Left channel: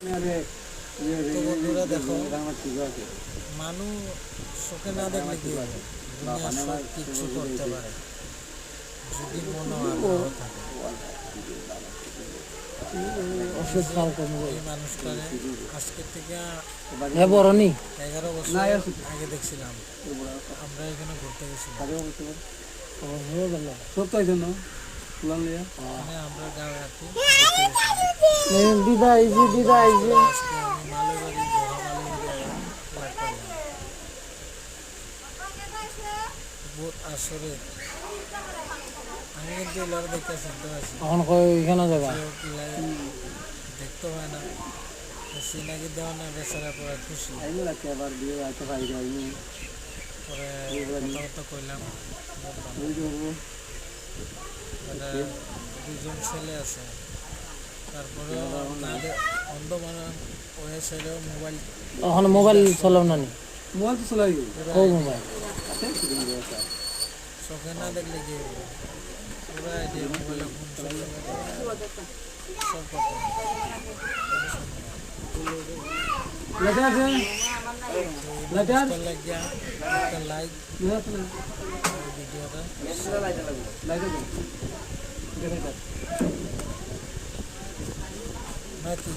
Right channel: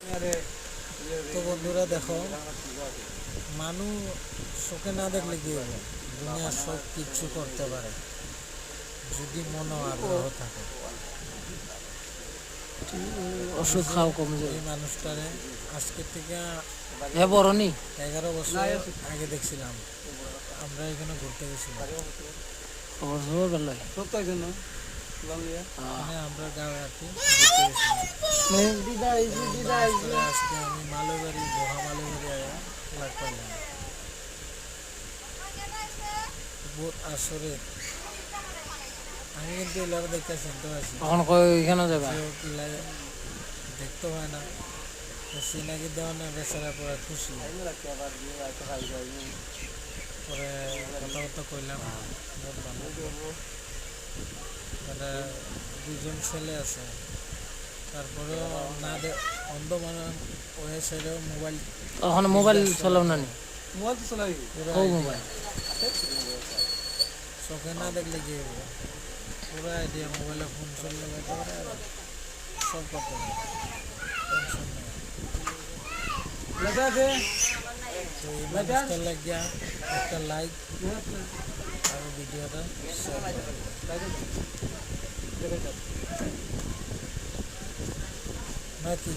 তো বন্ধুরা দেখো, মানুষ চোখে না দেখলে কি হবে? দুনিয়া সব কিছু করতে পারে যদি মন আগ্রহ থাকে। ওষুধ খাও কমে এই মানুষটারে আজকে থেকে যাবে বড়নি 11 বছর আগে দেখছিলাম, আমরা এখানে ঘুরতে গেছিলাম। মানে আমরা গাঁয়ে আর কি ঘুরতে গেছিলাম। আজকে আমি মালবাড়ি বড় মালবাড়ি লাগ পাইলাম বহুত আসরে। আমি কিন্তু এলাকা দেখতে চিনতে পারছি, এখন ওইখানে যাবা দেখতে হয় না, সিনাকি দেওয়া না, বেচারা পরে খুশি। পরে কথাবার্তা কইলাম, মানে দুজন ছেলে আছে, তারপরেও না অন্ধ মানে ওই ছেলেও মোবাইল, ওখানে মোবাইল চালাও না চোখে না দেখলে কি হবে? পুরো আইডিয়া, মোবাইলে ফোন চললে সব করতে হবে। লাগিয়া একটা লাইক আর ভিডিওটা নাকি